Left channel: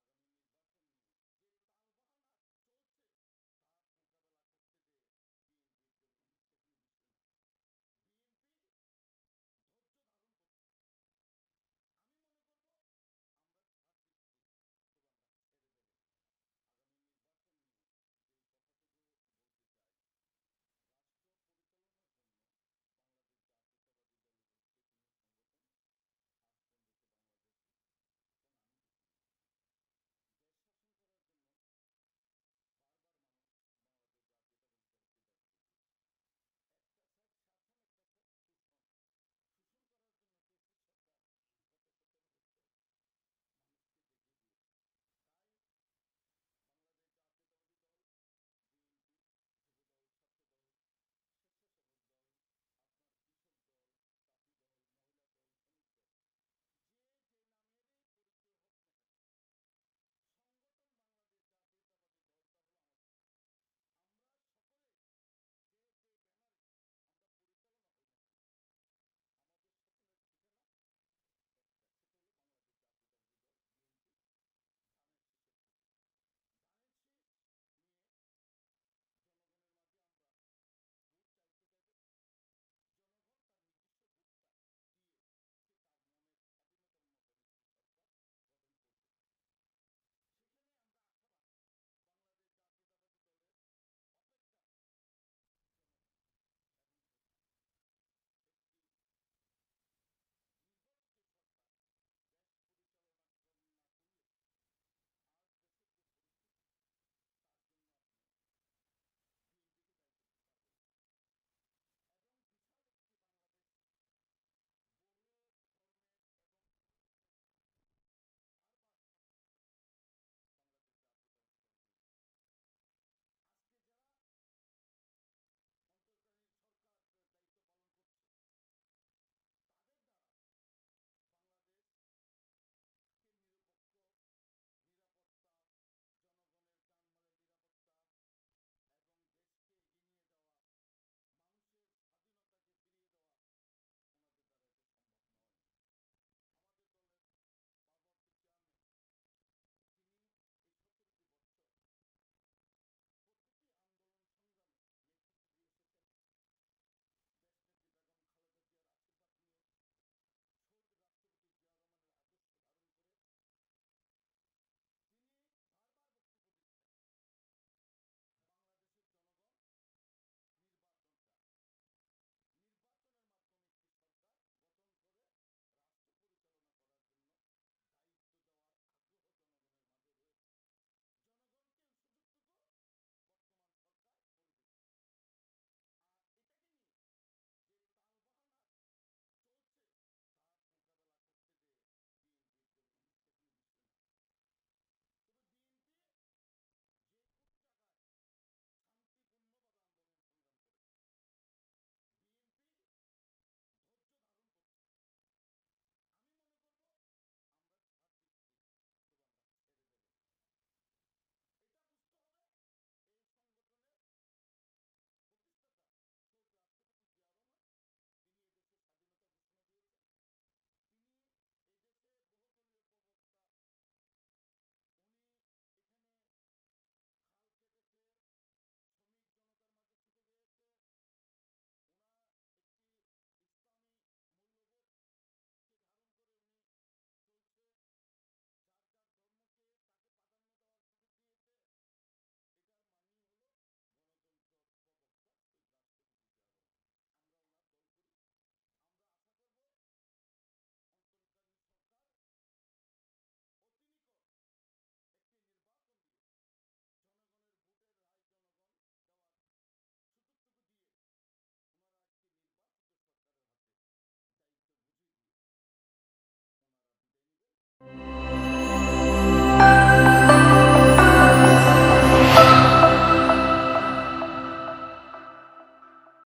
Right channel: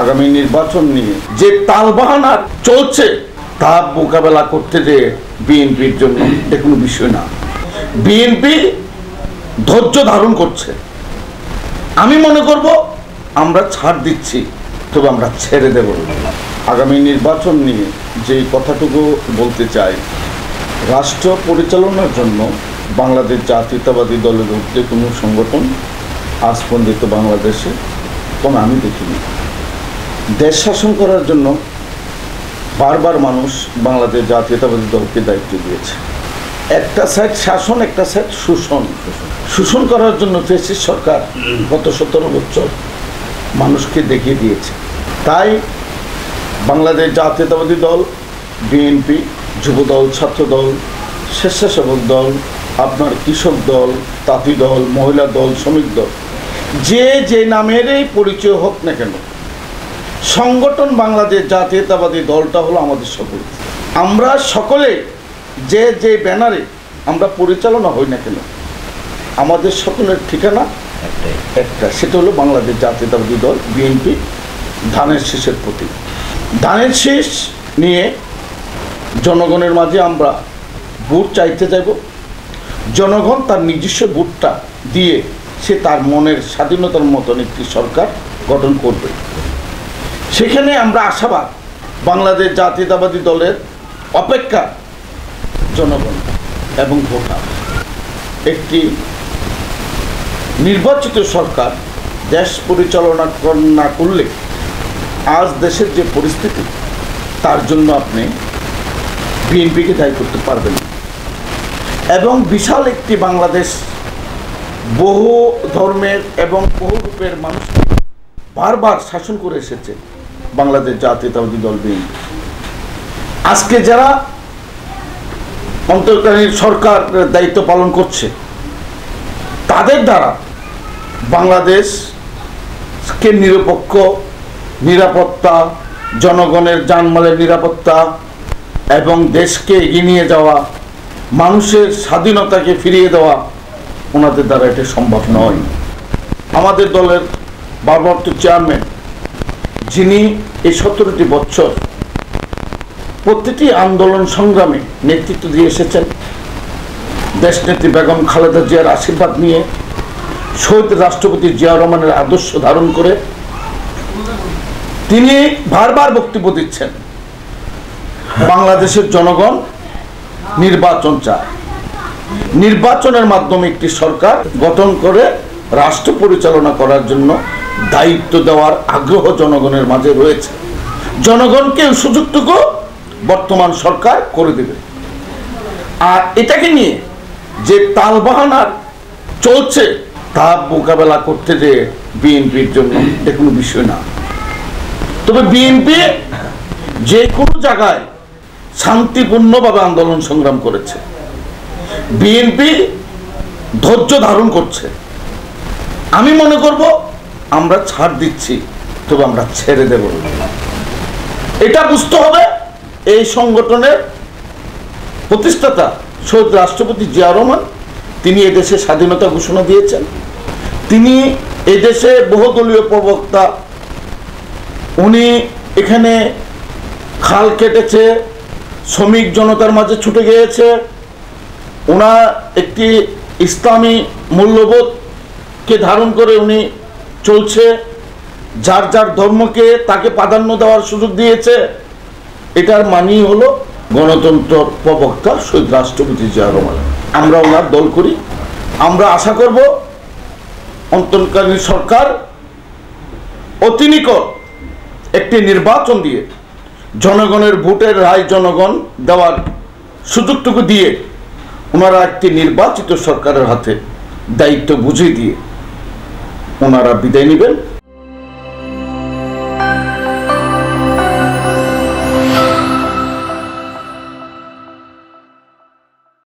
আগামী নির্বাচন নিয়ে যে তালবাহানা চলছে তা মোকাবেলা করতে যে বিএনপির জন্য এটা কোনো বিষয় না। বিএনপি ধৈর্য ধারণ করছে। আমি মনে করব আমরা ছাড় দিচ্ছি, তবে আমরা ছেড়ে দেব। আগামী নির্বাচন নিয়ে যে কথাটুকু বলতে চাই, রাষ্ট্র পরিচালনার জন্য বাংলাদেশ জাতীয়তাবাদী দলের ঊর্ধ্বে কোনো সংগঠন আজ পর্যন্ত বাংলাদেশে কোনো আমি দেখিনি। দেশ শাসন করার জন্য বারবার মানুষ বাংলাদেশ জাতীয়তাবাদী দলকে দায়িত্ব দিয়েছে। একটা সাইড শাসন, একটা সাইড শোষণ। শোষণ করার জন্য ফ্যাসিস্ট সরকার গত 17 বছর মানুষকে দেখিয়ে দিয়েছে। তাই বাংলাদেশ জাতীয়তাবাদী দল, বিএনপি, যুবদল, ছাত্রদল, স্বেচ্ছাসেবক দল, আপনার কৃষক দল, তাঁতি দল, মহিলা দল, শ্রমিক দল, যে নামেরই পরিচয় হোক না কেন, সংগঠন বাংলাদেশ জাতীয়তাবাদী দলটা হলো আমাদের সকল। আমরা সকলে যে ব্যানারে আমরা পরিচালনা হই না কেন, আমাদের সকলের ঠিকানা একটা, সেটা হলো বাংলাদেশ জাতীয়তাবাদী দল, বিএনপি, ধানের শীষের প্রতীক। ধানের শীষ নিয়ে জনগণের মাঝে আমরা ভোট চাইতে যাব। জনগণ তার নিজস্ব ভোটটা দিয়ে সে তার মনের স্বাধীনতার মতন একটি সরকার গঠন করবে। সেখানে আমরা আশাবাদ বাংলাদেশ জাতীয়তাবাদী দলের অপেক্ষা জনগণ এবং ভোটার। একটি নির্বাচিত সরকার দেশ পরিচালনা না করলে আজ দেশের যে পরিস্থিতি, তার জন্য আপনি বিএনপিকে দায়ী করতে পারবেন না। এবং বিশাল একটি বাংলাদেশ বহু ধর্মের এবং বহু রূপের মানুষকে বারবার শাসন করে এসেছে বাংলাদেশ জাতীয়তাবাদী দল, বিএনপি। আজকে যারা অন্তর্বর্তী সরকার দায়িত্ব পালন করছে, তাদের দ্বারা বাংলাদেশকে নিরপেক্ষ নিরাপত্তা, জনগণের জানমালের নিরাপত্তা এবং দেশকে এগিয়ে নিয়ে যাওয়া, মানুষের স্বাধীনতাকে ফিরিয়ে দেওয়া, ওনাদের দ্বারা এটা সম্ভব নয়। আমাদের দলের ভারপ্রাপ্ত চেয়ারম্যান, যিনি এই 17টি বছর প্রতিটি আন্দোলন সংগ্রামে নেতৃত্ব দিয়ে এসেছেন, দেশনেত্রী বেগম খালেদা জিয়ার আশীর্বাদ নিয়ে, শহীদ রাষ্ট্রপতি জিয়াউর রহমানের আদর্শ ধারণ করে তিনি বারবার বক্তব্য দিচ্ছেন বাংলাদেশের জনগণ নির্বাচন চায়। নির্বাচনের মাধ্যমে একটি সরকার গঠন করে রাষ্ট্র পরিচালনা করার জন্য দায়িত্ব দেওয়ার আগ্রহ জনগণের মাঝে রয়েছে। জনগণকে সুযোগটুকু বর্তমান সরকার করে দেবে। আর এটাকে নিয়ে যে তালবাহানা চলছে তা মোকাবেলা করতে যে বিএনপির জন্য এটা কোনো বিষয় না। তবে বিএনপি যে কোনো জায়গায় শান্তিপূর্ণভাবে আন্দোলন সংগ্রাম করেছে। বিএনপি ধৈর্য ধারণ করছে। আমি মনে করব আমরা ছাড় দিচ্ছি, তবে আমরা ছেড়ে দেব। এটা বুঝতে হবে এই সংগঠনের প্রতিষ্ঠাতা শহীদ রাষ্ট্রপতি জিয়াউর রহমান, তিনি এদেশে স্বাধীনতা ঘোষণা দিয়েছেন। তিনি এদেশে বহুদলীয় প্রবক্তা, উনি এখানে খাল কেটেছে, শ্রমিক জনতার মাঝে ছুটে গিয়েছে। ওনার একটি ইসলামী মূল্যবোধকে ধারণ করে উনি চলছে। যার যার ধর্মকে তাকে প্রাধান্য দেওয়ার সুযোগ দিয়েছে। এটার মানেই হলো গণতন্ত্র প্রবক্তা শহীদ রাষ্ট্রপতি জিয়াউর রহমান। আমরা ওনার দল করি। আমরা আশা করব অন্তর্বর্তী সরকার অতি নিকট একটি নির্বাচন দিয়ে জনগণের ভোটের রায় জনগণ দেওয়ার সুযোগটুকু দিয়ে ওনারা একটি নির্বাচিত সরকারের হাতে দায়িত্ব বুঝিয়ে দিয়ে ওনারা বিদায় নেবেন।